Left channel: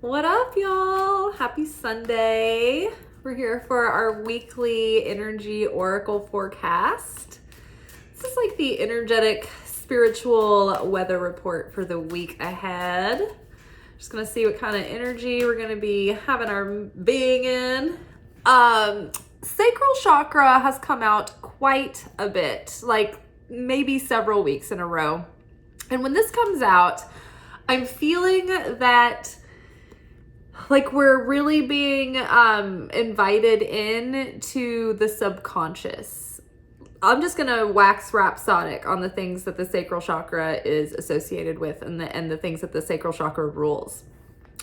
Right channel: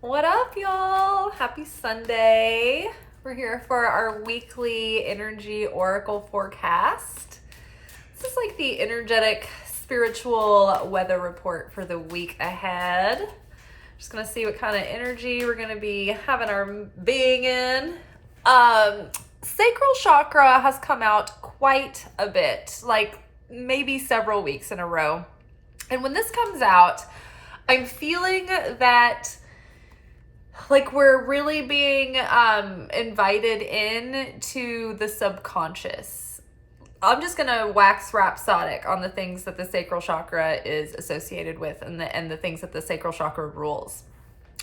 What up, y'all? Happy Sunday. We're here for our weekly energy oracle forecast. This is like the energetic spiritual weather report for the week ahead. Just gonna see what kind of energy we're gonna be having our being in. Sacral chakra has come out quite a bit, like maybe several weeks in a row. And when this comes out, I'm feeling that like we're really being invited in to the subconscious. I'm just gonna wax rhapsodic on the things that the sacral chakra is associated with and the things that the sacral chakra rules.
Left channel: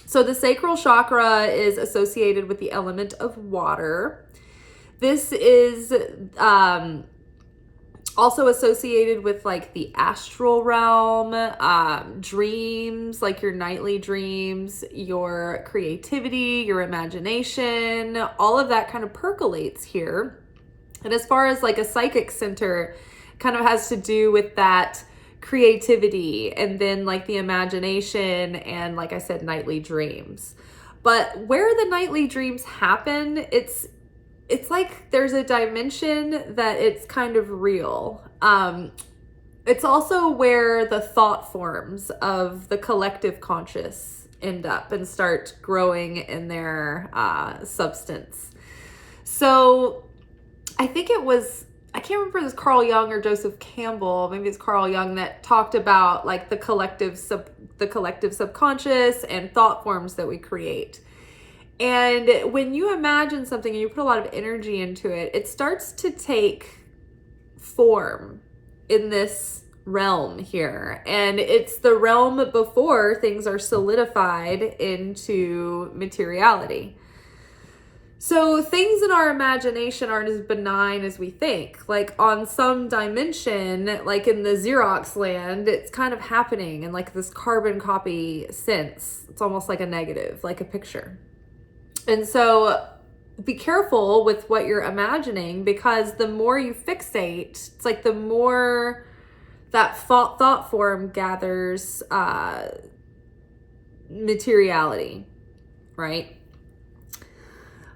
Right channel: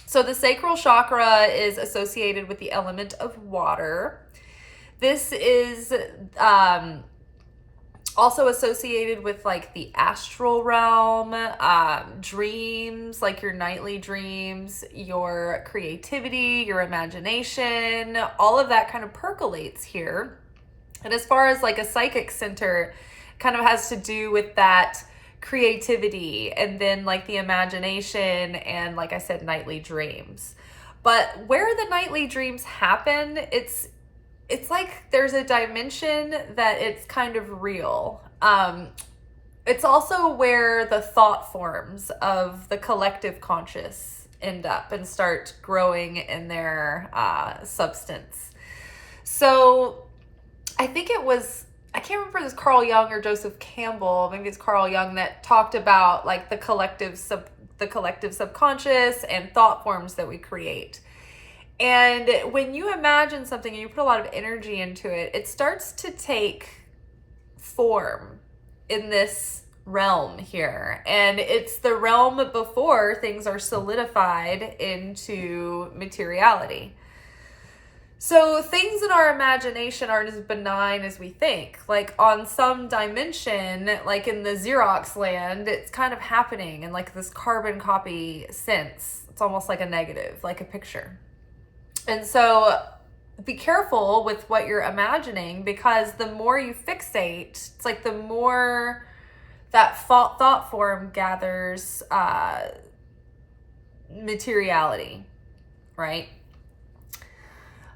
So the sacral chakra is associated with the element of water. This is also associated with like the astral realm, dreams, like your nightly dreams, your creativity, your imagination, all of that kind of percolates here. And as far as like a psychic center, kind of has to do with that creativity and then like the imagination and, like I said, nightly dreams. But where the nightly dreams happen, it's like there's a dimension that it's kind of real. It's also where the thought forms of the collective conscious end up and start growing in their substance. So I think it was, I can't remember if it was Carl Jung or Joseph Campbell, maybe it's Carl Jung, that talked about like the collective subconscious and thought forms that we create. And when you imagine something and you put a lot of energy into it, it starts to take form in this realm here. And it's the realm before things are solidified into materiality. So things in our imagination aren't as benign as we think. Like on some dimension, like in the Xerox land, it's kind of happening in like this carbon copy sense. It's almost like a negative, like a picture. And so be careful with what you're imagining, because the more you fixate, it's like the more that thought form gathers materiality, right?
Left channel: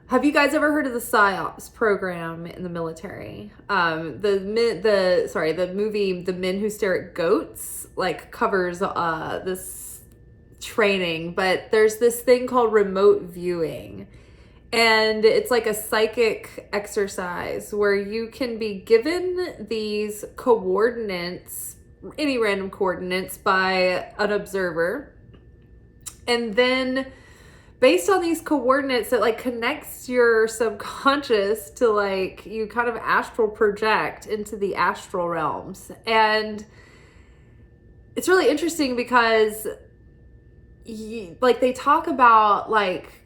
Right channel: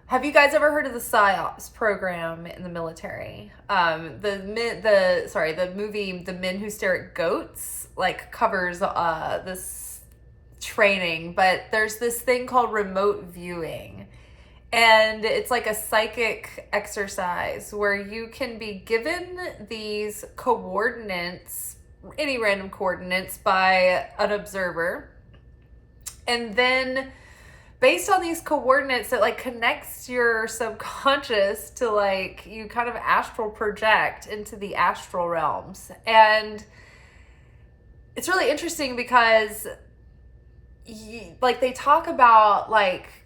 Have you guys ever heard of the PSYOPs program in the military? The movie The Men Who Stare at Goats like covers this training, but there's this thing called remote viewing, and it's like a psychic exercise where you can be given these coordinates, any random coordinates, by an observer, and then based on these coordinates, it like connects your subconscious to like you kind of astral project into the astral realms. And it's really interesting because like they talk about like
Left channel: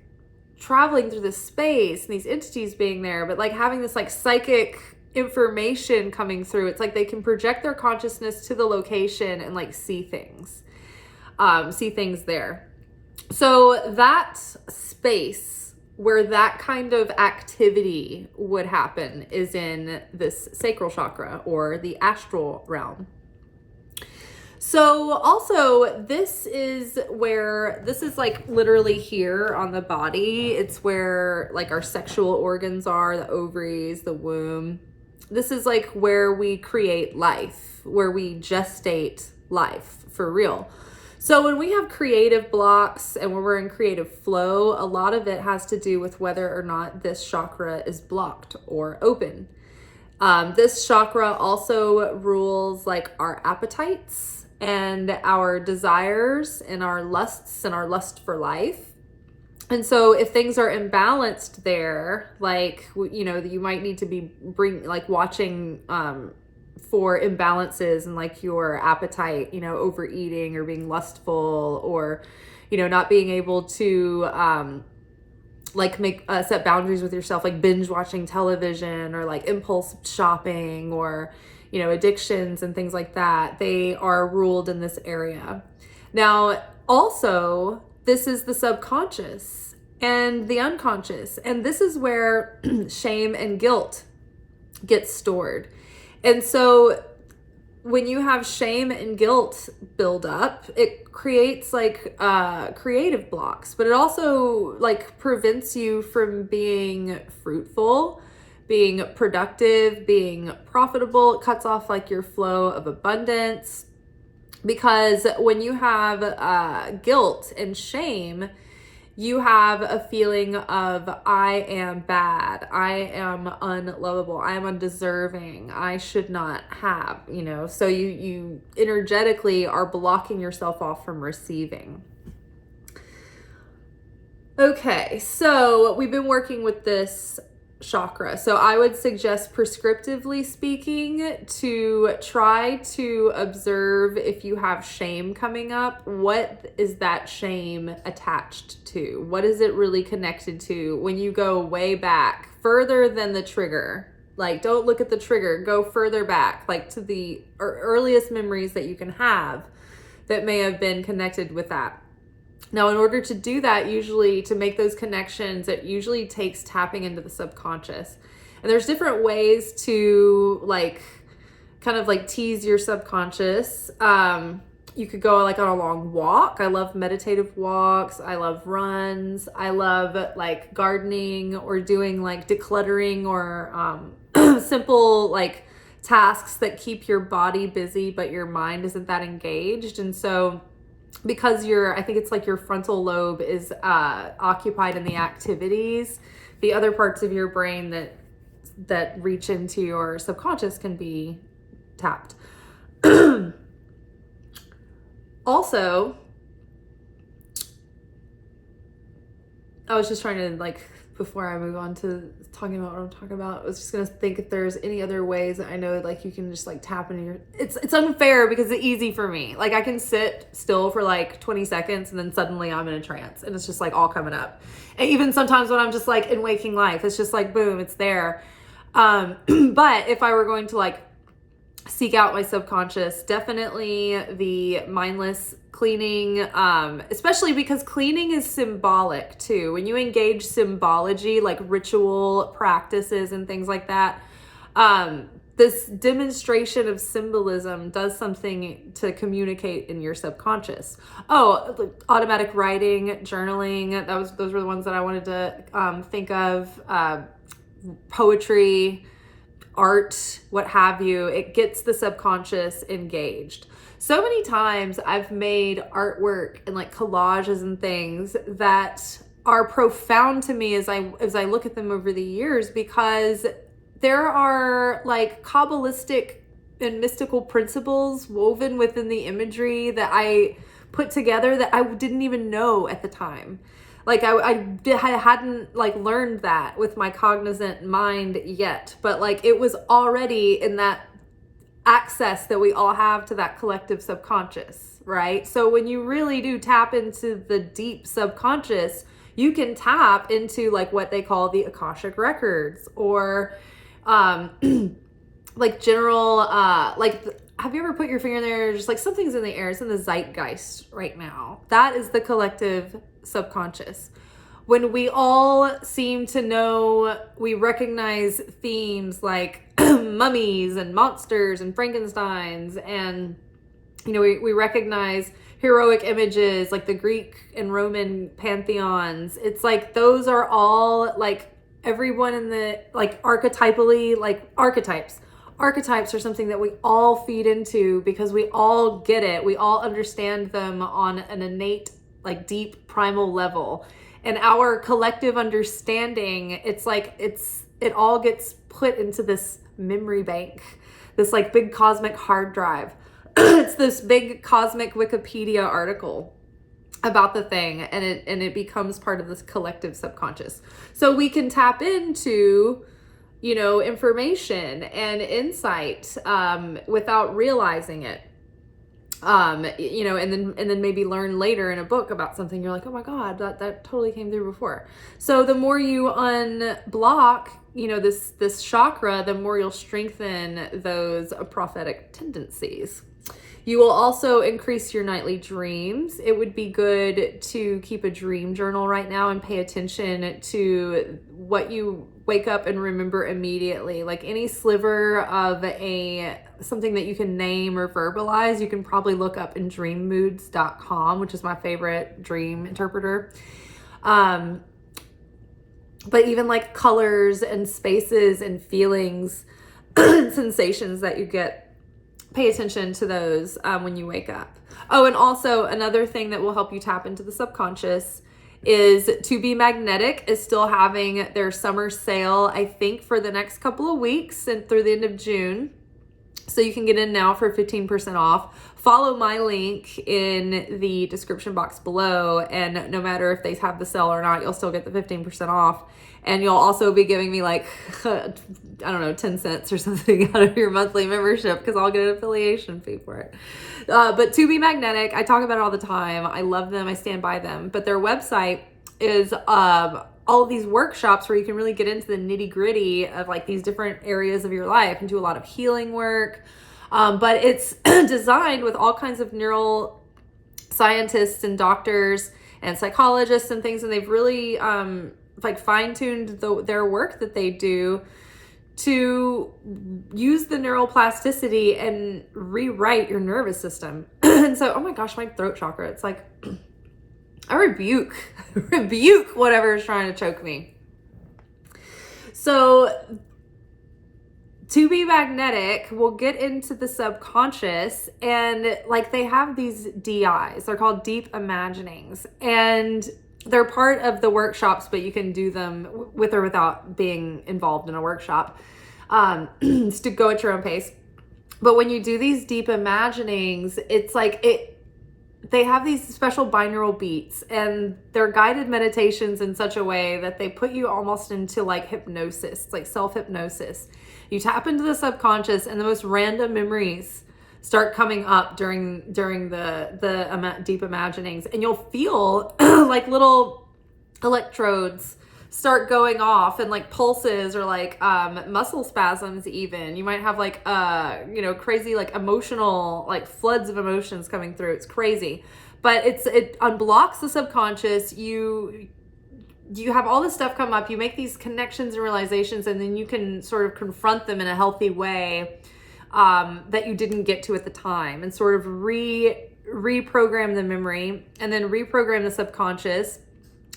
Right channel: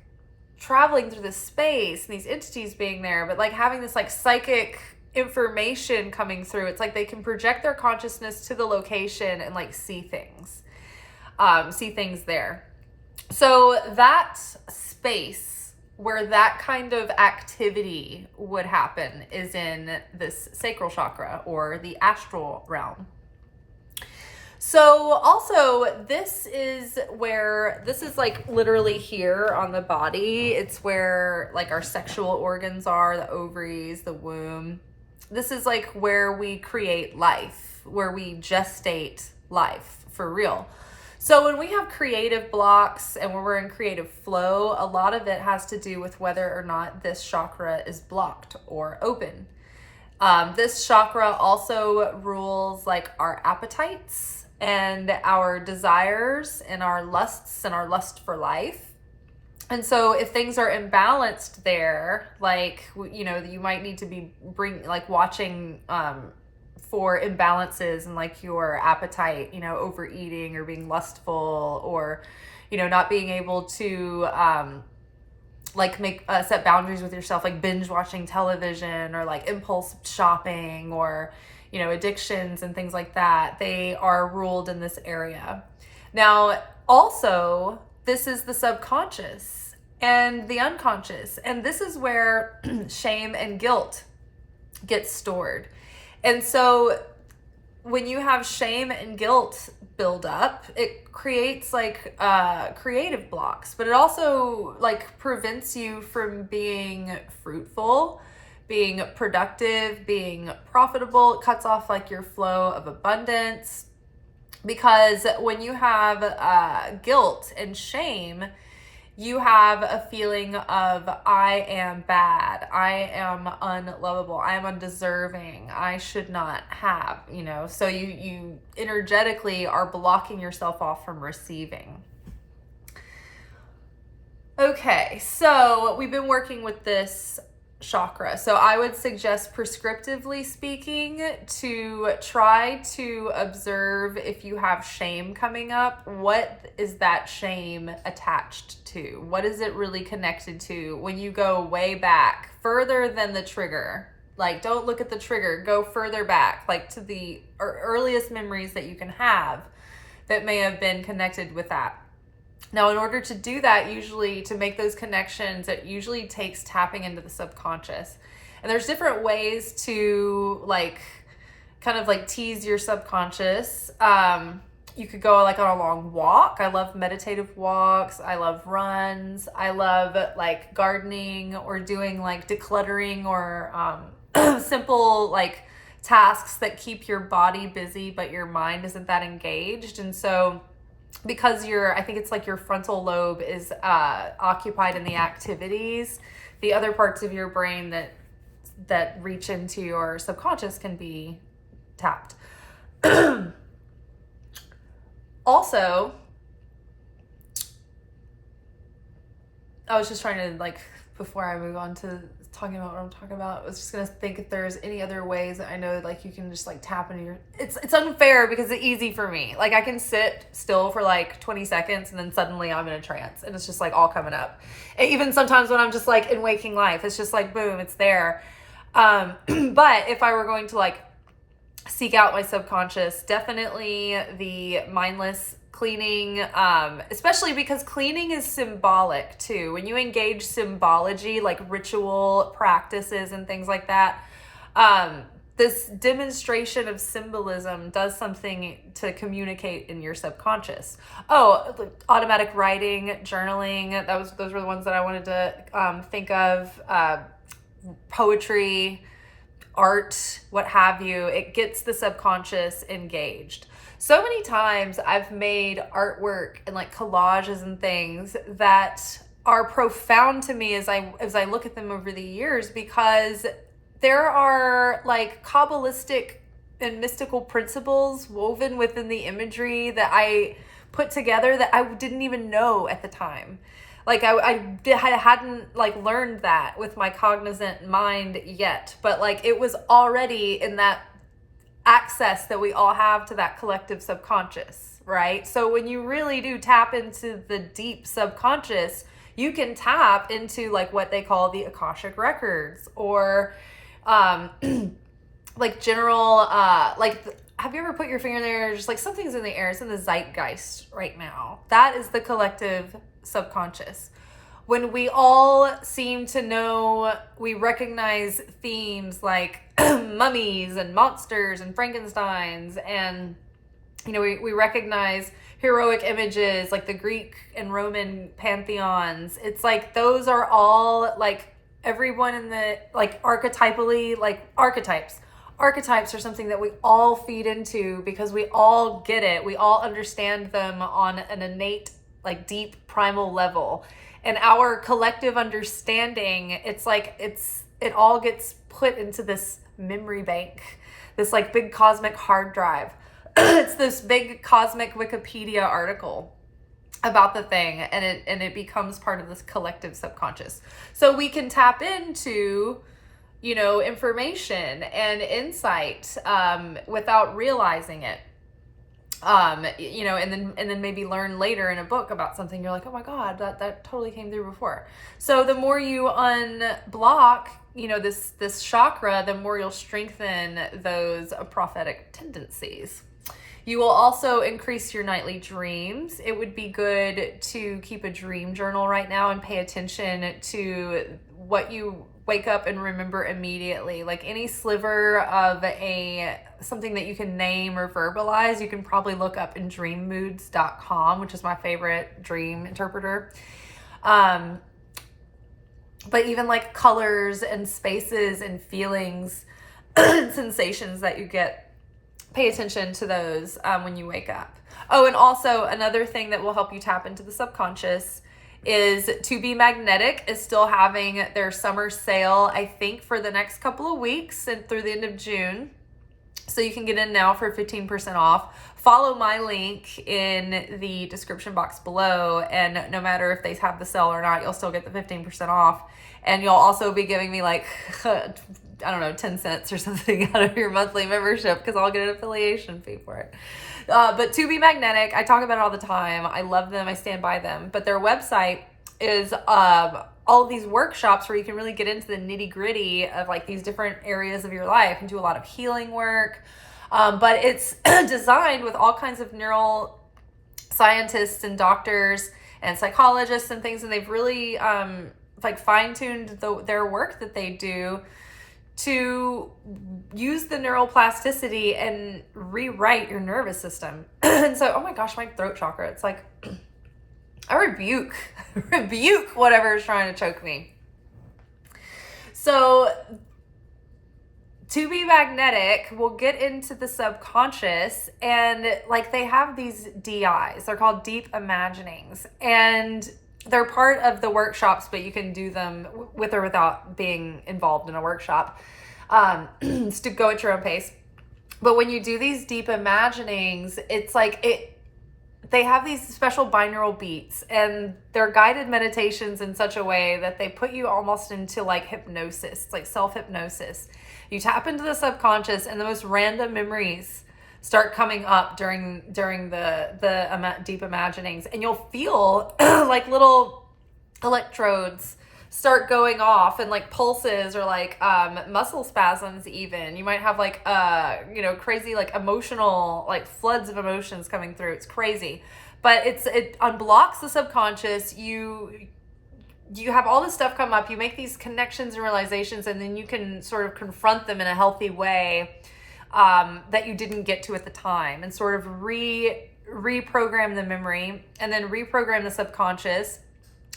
traveling through this space and these entities being there, but like having this like psychic information coming through. It's like they can project their consciousness to the location and like see things there. So that space where that kind of activity would happen is in this sacral chakra or the astral realm. So also this is like literally here on the body. It's where like our sexual organs are, the ovaries, the womb. This is like where we create life, where we gestate life for real. So when we have creative blocks and when we're in creative flow, a lot of it has to do with whether or not this chakra is blocked or open. This chakra also rules like our appetites and our desires and our lusts and our lust for life. And so if things are imbalanced there, like, you know, you might need to be watching for imbalances in like your appetite, you know, overeating or being lustful, or, you know, not being able to like make set boundaries with yourself, like binge watching television or like impulse shopping or, you know, addictions and things like that. They are ruled in this area. Now, also, this is the subconscious and the unconscious. And this is where shame and guilt get stored. And so when you have shame and guilt build up, it creates like creative blocks, but it also like prevents you from being fruitful, being productive, being profitable. It cuts off like your flow of abundance, because when you have guilt and shame, you have a feeling of, I am bad, I am unlovable, I am undeserving, I should not have, so you energetically are blocking yourself off from receiving. Okay, so we've been working with this chakra. So I would suggest, prescriptively speaking, to try to observe if you have shame coming up. What is that shame attached to? What is it really connected to? When you go way back, further than the trigger, like don't look at the trigger, go further back, like to the earliest memories that you can have that may have been connected with that. Now, in order to do that, usually to make those connections, it usually takes tapping into the subconscious. And there's different ways to kind of tease your subconscious. You could go like on a long walk. I love meditative walks. I love runs. I love like gardening or doing like decluttering or simple tasks that keep your body busy, but your mind isn't that engaged. And so because I think it's like your frontal lobe is occupied in the activities, the other parts of your brain that reach into your subconscious can be tapped. Also, I was just trying to before I move on to talking about what I'm talking about, I was just gonna think if there's any other ways that I know you can just tap into your, it's unfair because it's easy for me. I can sit still for 20 seconds and then suddenly I'm in a trance and it's just all coming up. And even sometimes when I'm just in waking life, it's just boom, it's there. But if I were going to seek out my subconscious, definitely the mindless cleaning, especially because cleaning is symbolic too. When you engage symbology, like ritual practices and things like that, this demonstration of symbolism does something to communicate in your subconscious. Automatic writing, journaling, those were the ones that I wanted to think of. Poetry, art, what have you, it gets the subconscious engaged. So many times I've made artwork and collages and things that are profound to me as I look at them over the years, because there are Kabbalistic and mystical principles woven within the imagery that I put together that I didn't even know at the time. I hadn't learned that with my cognizant mind yet, but it was already in that access that we all have to that collective subconscious, right? So when you really do tap into the deep subconscious, you can tap into what they call the Akashic records, or general have you ever put your finger in there, just something's in the air, it's in the zeitgeist right now. That is the collective subconscious. When we all seem to know, we recognize themes like mummies and monsters and Frankensteins, and we recognize heroic images like the Greek and Roman pantheons. It's those are all everyone in the archetypally archetypes are something that we all feed into because we all get it. We all understand them on an innate deep primal level, and our collective understanding, it all gets put into this memory bank, this big cosmic hard drive. It's this big cosmic Wikipedia article about the thing, and it becomes part of this collective subconscious. So we can tap into information and insight without realizing it. And then maybe learn later in a book about something, you're like, oh my God, that totally came through before. So the more you unblock, this chakra, the more you'll strengthen those prophetic tendencies. You will also increase your nightly dreams. It would be good to keep a dream journal right now and pay attention to what you wake up and remember immediately. Like any sliver of something that you can name or verbalize, you can probably look up in dreammoods.com, which is my favorite dream interpreter. But even like colors and spaces and feelings and sensations that you get, pay attention to those when you wake up. Oh, and also another thing that will help you tap into the subconscious is To Be Magnetic is still having their summer sale, I think, for the next couple of weeks and through the end of June. So you can get in now for 15% off. Follow my link in the description box below, and no matter if they have the sale or not, you'll still get the 15% off. And you'll also be giving me like, I don't know, 10 cents or something out of your monthly membership, because I'll get an affiliation fee for it. But To Be Magnetic, I talk about it all the time. I love them. I stand by them. But their website is all of these workshops where you can really get into the nitty gritty of like these different areas of your life and do a lot of healing work. But it's designed with all kinds of neural scientists and doctors and psychologists and things. And they've really like fine-tuned their work that they do to use the neuroplasticity and rewrite your nervous system. And so, oh my gosh, my throat chakra, it's like, I rebuke whatever is trying to choke me. So To Be Magnetic will get into the subconscious, and like they have these DIs, they're called deep imaginings, and they're part of the workshops, but you can do them with or without being involved in a workshop, to go at your own pace. But when you do these deep imaginings, it's like they have these special binaural beats, and they're guided meditations in such a way that they put you almost into like hypnosis, like self-hypnosis. You tap into the subconscious, and the most random memories start coming up during the deep imaginings, and you'll feel like little electrodes start going off, and like pulses, or like muscle spasms. Even you might have like crazy like emotional, like floods of emotions coming through. It's crazy, but it unblocks the subconscious. You have all this stuff come up, you make these connections and realizations, and then you can sort of confront them in a healthy way that you didn't get to at the time, and sort of reprogram the memory, and then reprogram the subconscious,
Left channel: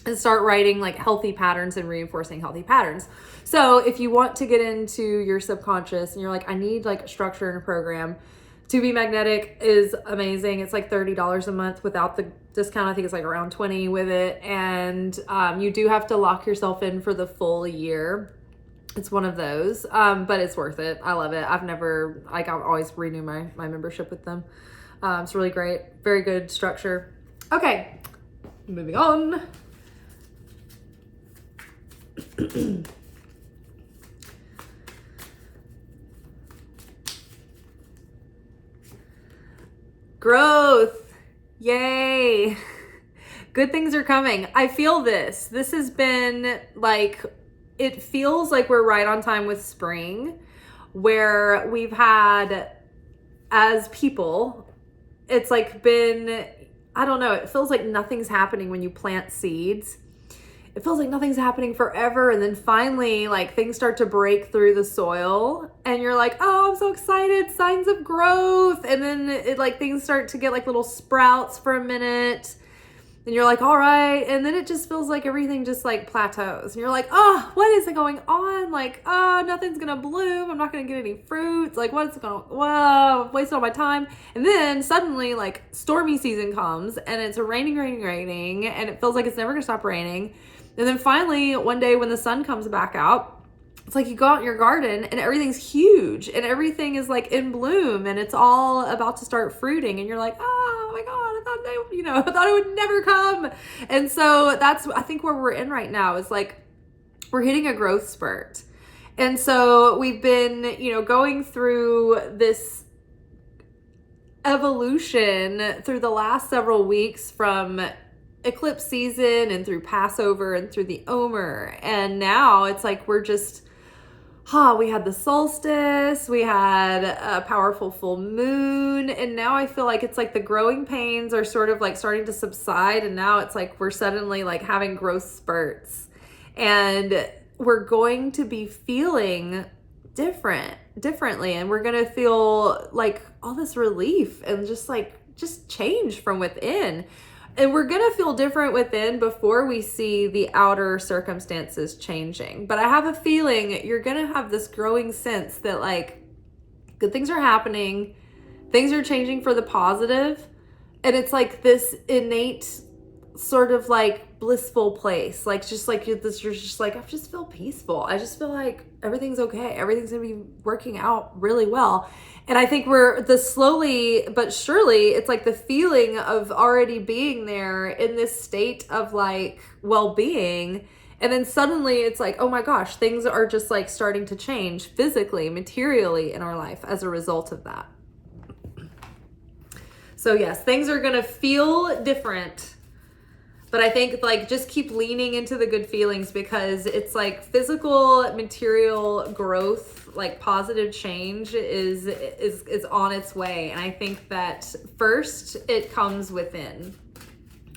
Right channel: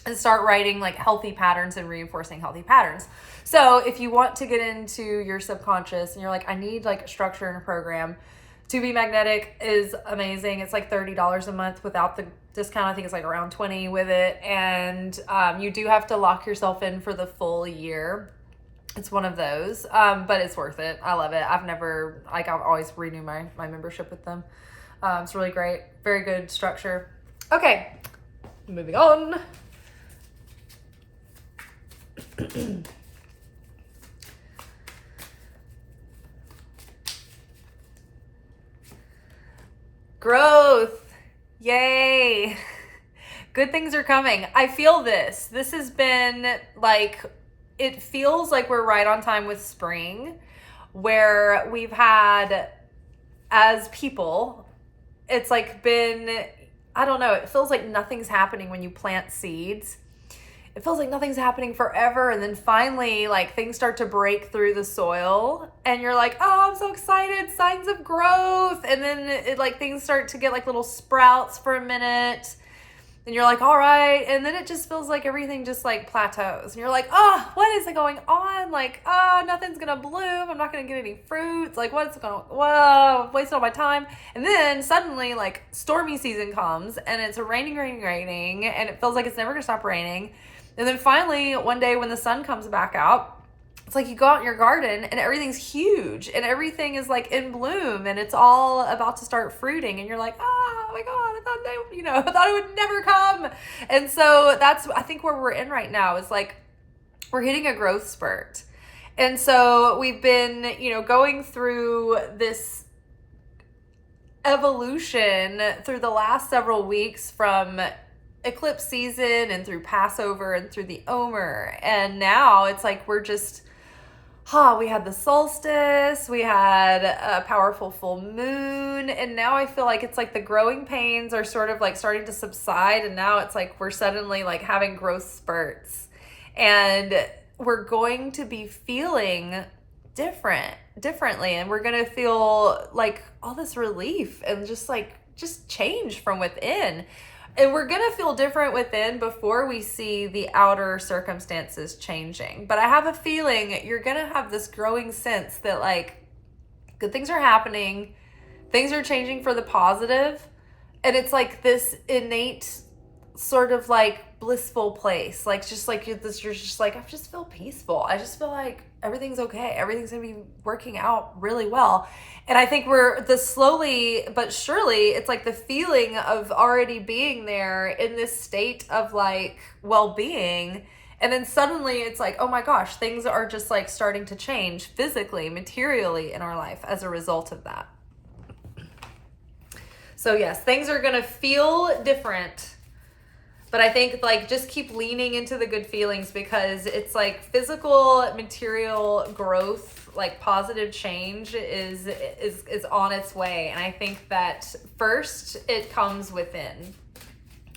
and start writing like healthy patterns and reinforcing healthy patterns. So if you want to get into your subconscious and you're like, I need like structure and a program, To Be Magnetic is amazing. It's like $30 a month without the discount. I think it's like around 20 with it. And you do have to lock yourself in for the full year. It's one of those, but it's worth it. I love it. I've always renew my membership with them. It's really great. Very good structure. Okay, moving on. Growth. Yay. Good things are coming. I feel this. This has been like, it feels like we're right on time with spring, where we've had, as people, it's like been, I don't know, it feels like nothing's happening when you plant seeds. It feels like nothing's happening forever, and then finally like things start to break through the soil, and you're like, oh, I'm so excited, signs of growth. And then it like things start to get like little sprouts for a minute, and you're like, all right. And then it just feels like everything just like plateaus, and you're like, oh, what is going on? Like, oh, nothing's gonna bloom, I'm not gonna get any fruits, like what's going on? Whoa, I've wasted all my time. And then suddenly like stormy season comes, and it's raining, and it feels like it's never gonna stop raining. And then finally, one day when the sun comes back out, it's like you go out in your garden and everything's huge and everything is like in bloom and it's all about to start fruiting. And you're like, oh my God, I thought it would never come. And so that's, I think, where we're in right now is like, we're hitting a growth spurt. And so we've been, going through this evolution through the last several weeks, from eclipse season and through Passover and through the Omer. And now it's like we're we had the solstice, we had a powerful full moon, and now I feel like it's like the growing pains are sort of like starting to subside, and now it's like we're suddenly like having growth spurts, and we're going to be feeling differently, and we're going to feel like all this relief and just change from within. And we're going to feel different within before we see the outer circumstances changing. But I have a feeling you're going to have this growing sense that like good things are happening, things are changing for the positive, and it's like this innate sort of like blissful place. Like just like you're just like, I just feel peaceful. I just feel like everything's okay. Everything's going to be working out really well. And I think we're the slowly but surely, it's like the feeling of already being there in this state of like well-being. And then suddenly it's like, oh my gosh, things are just like starting to change physically, materially in our life as a result of that. So yes, things are going to feel different. But I think like just keep leaning into the good feelings, because it's like physical, material growth, like positive change is on its way. And I think that first it comes within.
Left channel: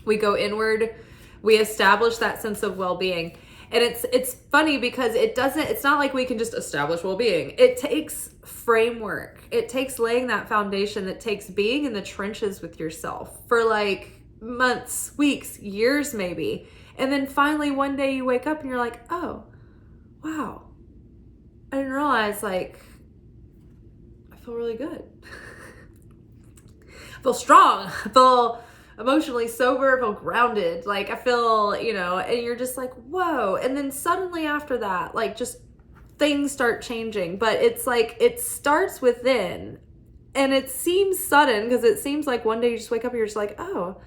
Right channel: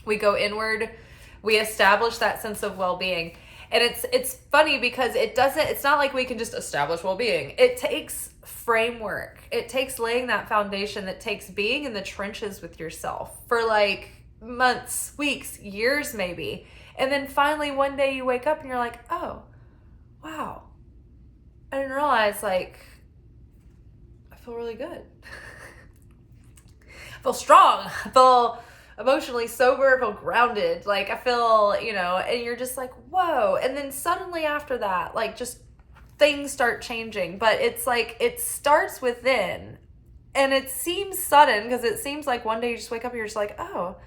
We go inward, we establish that sense of well-being. And it's funny because it's not like we can just establish well-being. It takes framework. It takes laying that foundation, that takes being in the trenches with yourself for like months, weeks, years maybe. And then finally one day you wake up and you're like, oh, wow. I didn't realize like I feel really good. I feel strong. I feel emotionally sober. I feel grounded. Like I feel, and you're just like, whoa. And then suddenly after that, like just things start changing. But it's like it starts within. And it seems sudden because it seems like one day you just wake up and you're just like, oh,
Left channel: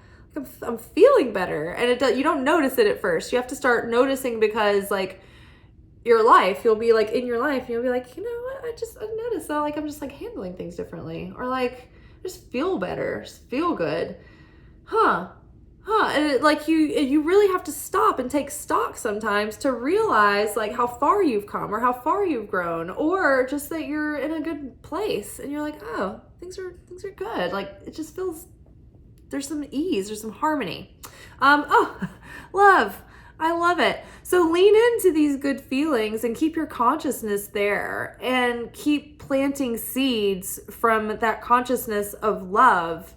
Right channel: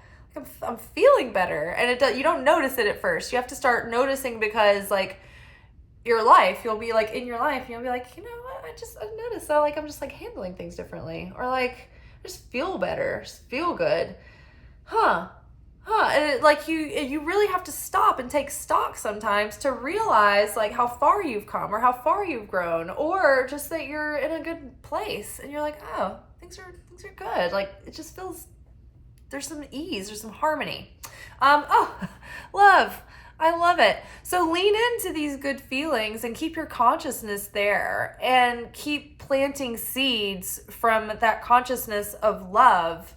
I'm feeling better. And you don't notice it at first. You have to start noticing, because like your life, you'll be like in your life and you'll be like, you know what, I noticed that like I'm just like handling things differently, or like I just feel better, just feel good. And like you really have to stop and take stock sometimes to realize like how far you've come or how far you've grown, or just that you're in a good place and you're like, oh, things are good. Like it just feels, there's some ease, there's some harmony. Love. I love it. So lean into these good feelings and keep your consciousness there, and keep planting seeds from that consciousness of love.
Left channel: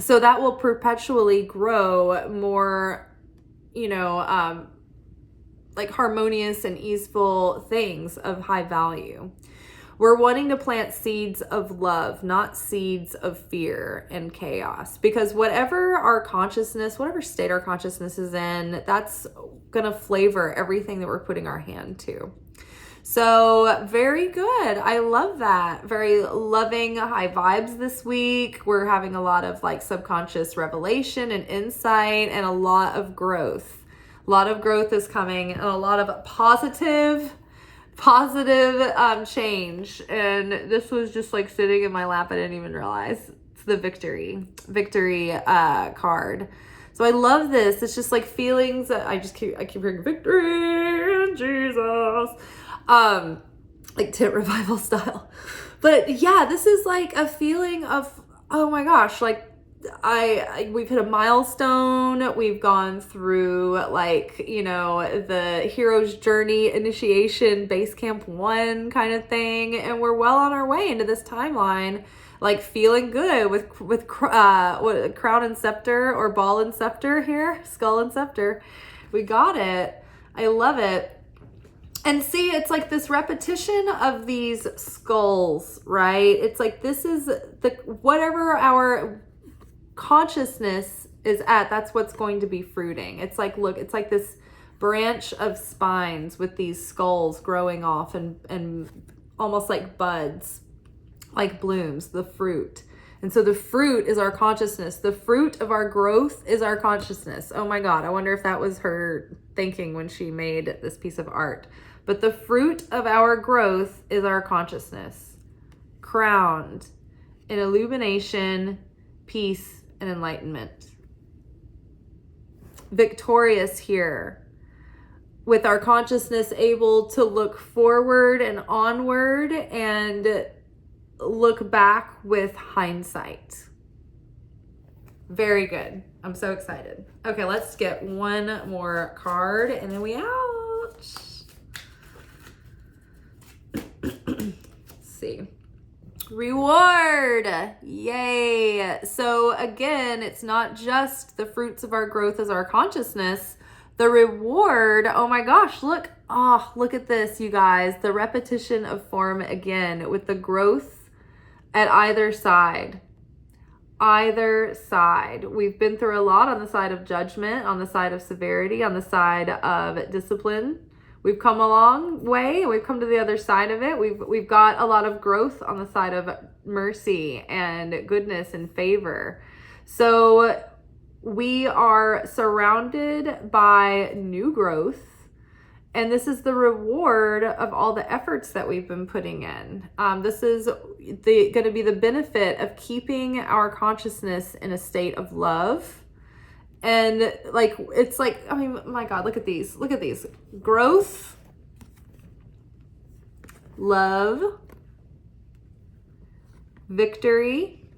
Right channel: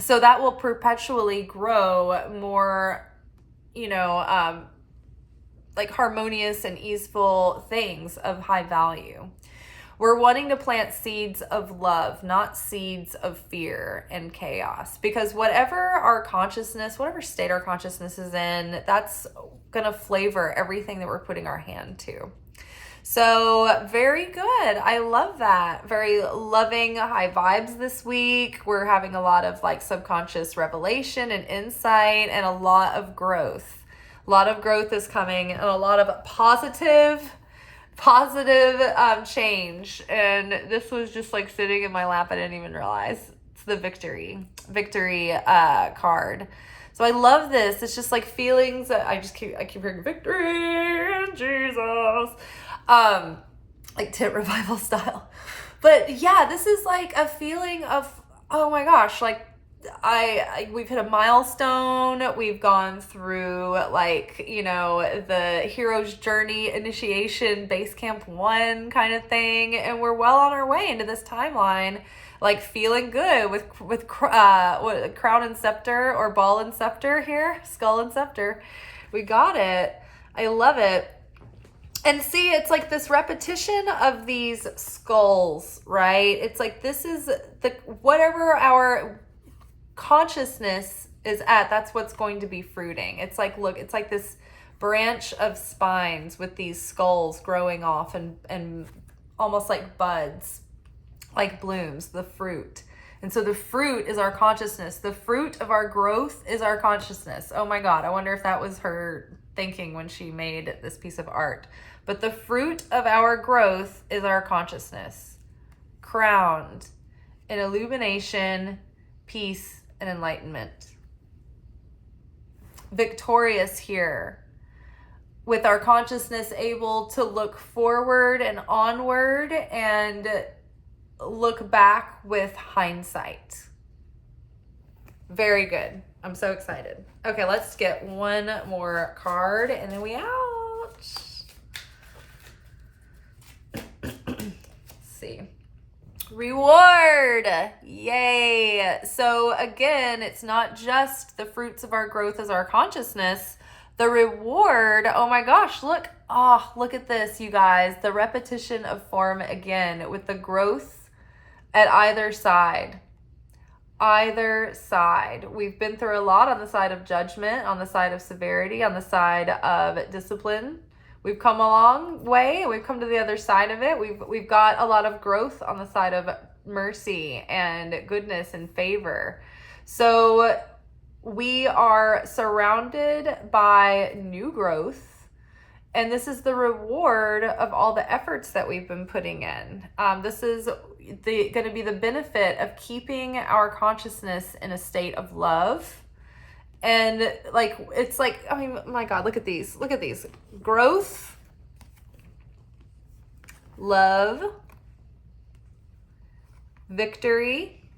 So that will perpetually grow more, like harmonious and easeful things of high value. We're wanting to plant seeds of love, not seeds of fear and chaos, because whatever our consciousness, whatever state our consciousness is in, that's going to flavor everything that we're putting our hand to. So very good. I love that. Very loving, high vibes this week. We're having a lot of like subconscious revelation and insight, and a lot of growth. A lot of growth is coming, and a lot of positive change. And this was just like sitting in my lap. I didn't even realize. It's the victory card. So I love this. It's just like feelings that I keep hearing victory in Jesus. Like tent revival style. But yeah, this is like a feeling of, oh my gosh, like we've hit a milestone. We've gone through like, the hero's journey initiation base camp 1 kind of thing. And we're well on our way into this timeline, like feeling good with crown and scepter, or ball and scepter here, skull and scepter. We got it. I love it. And see, it's like this repetition of these skulls, right? It's like this is whatever our consciousness is at, that's what's going to be fruiting. It's like, look, it's like this branch of spines with these skulls growing off and almost like buds, like blooms, the fruit. And so the fruit is our consciousness. The fruit of our growth is our consciousness. Oh my God, I wonder if that was her thinking when she made this piece of art. But the fruit of our growth is our consciousness, crowned in illumination, peace, and and enlightenment. Victorious here. with our consciousness able to look forward and onward and look back with hindsight. Very good. I'm so excited. Okay, let's get one more card and then we out. Let's see. Reward. Yay. So again, it's not just the fruits of our growth as our consciousness. The reward, oh my gosh, look. Oh, look at this, you guys. The repetition of form again with the growth at either side. Either side. We've been through a lot on the side of judgment, on the side of severity, on the side of discipline. We've come a long way. We've come to the other side of it. We've got a lot of growth on the side of mercy and goodness and favor. So we are surrounded by new growth. And this is the reward of all the efforts that we've been putting in. This is going to be the benefit of keeping our consciousness in a state of love. And like, it's like, I mean, my God, look at these. Look at these. Growth, love, victory,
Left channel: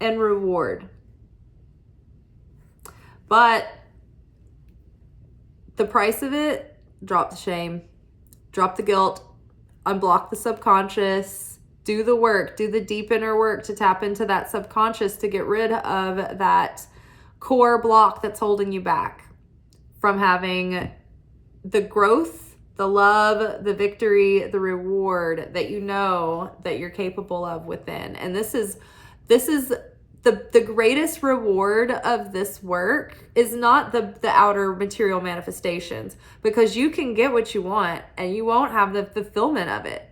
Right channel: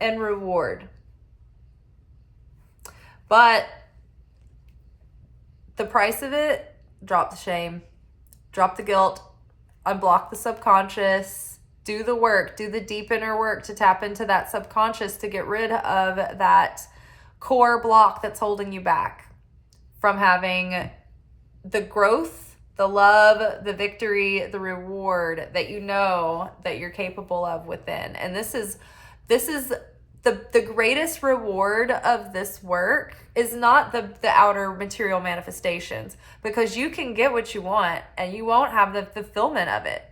and reward. But the price of it, drop the shame, drop the guilt, unblock the subconscious, do the work, do the deep inner work to tap into that subconscious to get rid of that core block that's holding you back from having the growth, the love, the victory, the reward that you know that you're capable of within. And this is the greatest reward of this work is not the outer material manifestations, because you can get what you want and you won't have the fulfillment of it.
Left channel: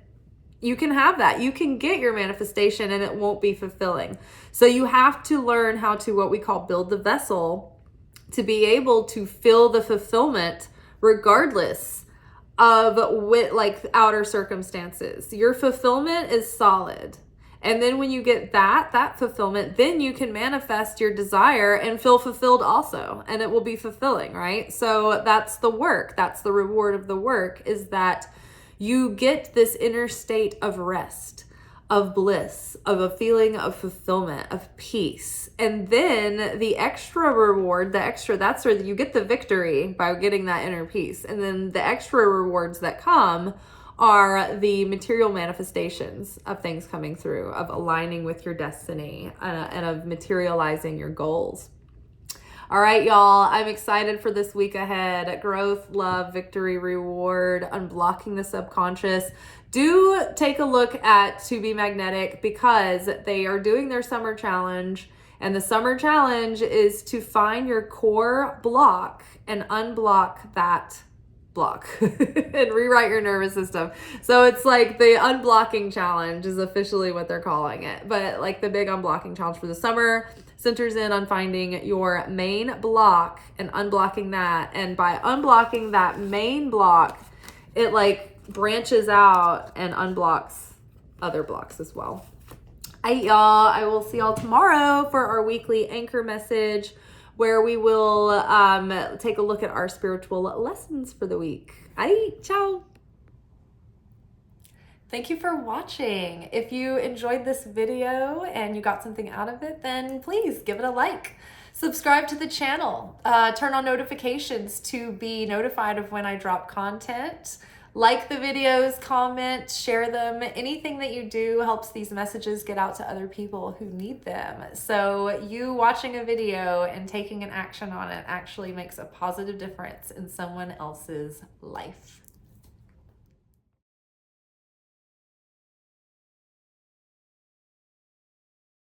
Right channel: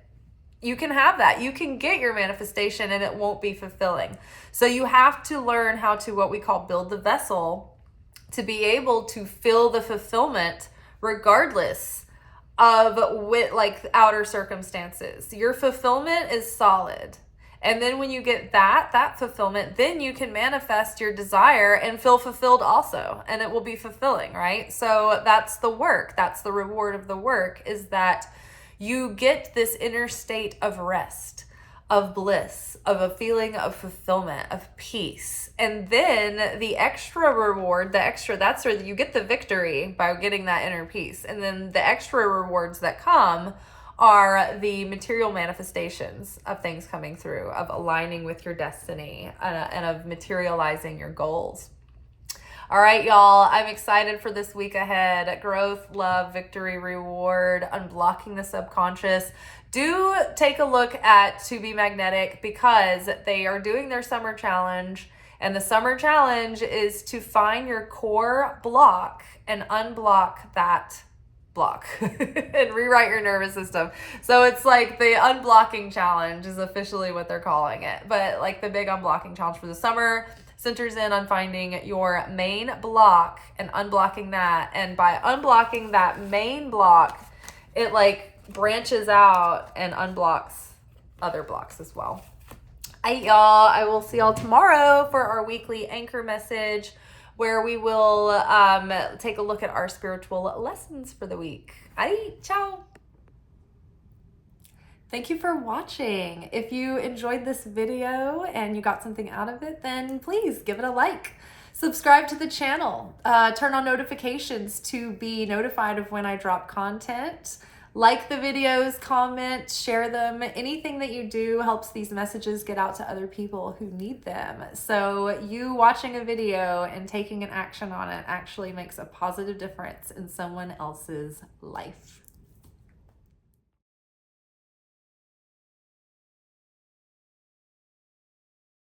You can have that. You can get your manifestation and it won't be fulfilling. So you have to learn how to, what we call, build the vessel to be able to feel the fulfillment regardless of outer circumstances. Your fulfillment is solid. And then when you get that fulfillment, then you can manifest your desire and feel fulfilled also. And it will be fulfilling, right? So that's the work. That's the reward of the work, is that you get this inner state of rest, of bliss, of a feeling of fulfillment, of peace. And then the extra reward, that's where you get the victory by getting that inner peace. And then the extra rewards that come are the material manifestations of things coming through, of aligning with your destiny, and of materializing your goals. All right, y'all, I'm excited for this week ahead. Growth, love, victory, reward, unblocking the subconscious. Do take a look at To Be Magnetic, because they are doing their summer challenge. And the summer challenge is to find your core block and unblock that block and rewrite your nervous system. So it's like the unblocking challenge is officially what they're calling it. But like the big unblocking challenge for the summer centers in on finding your main block and unblocking that. And by unblocking that main block, it like branches out and unblocks other blocks as well. All right, y'all, I will see y'all tomorrow for our weekly anchor message, where we will take a look at our spiritual lessons for the week. All right, ciao. Thank you for watching. If you enjoyed this video and you got something out of it, then please give it a like. Subscribe to the channel. Turn on notifications to be notified of when I drop content. Like the videos, comment, share them. Anything that you do helps these messages get out to other people who need them. So you watching a video and taking an action on it actually makes a positive difference in someone else's life.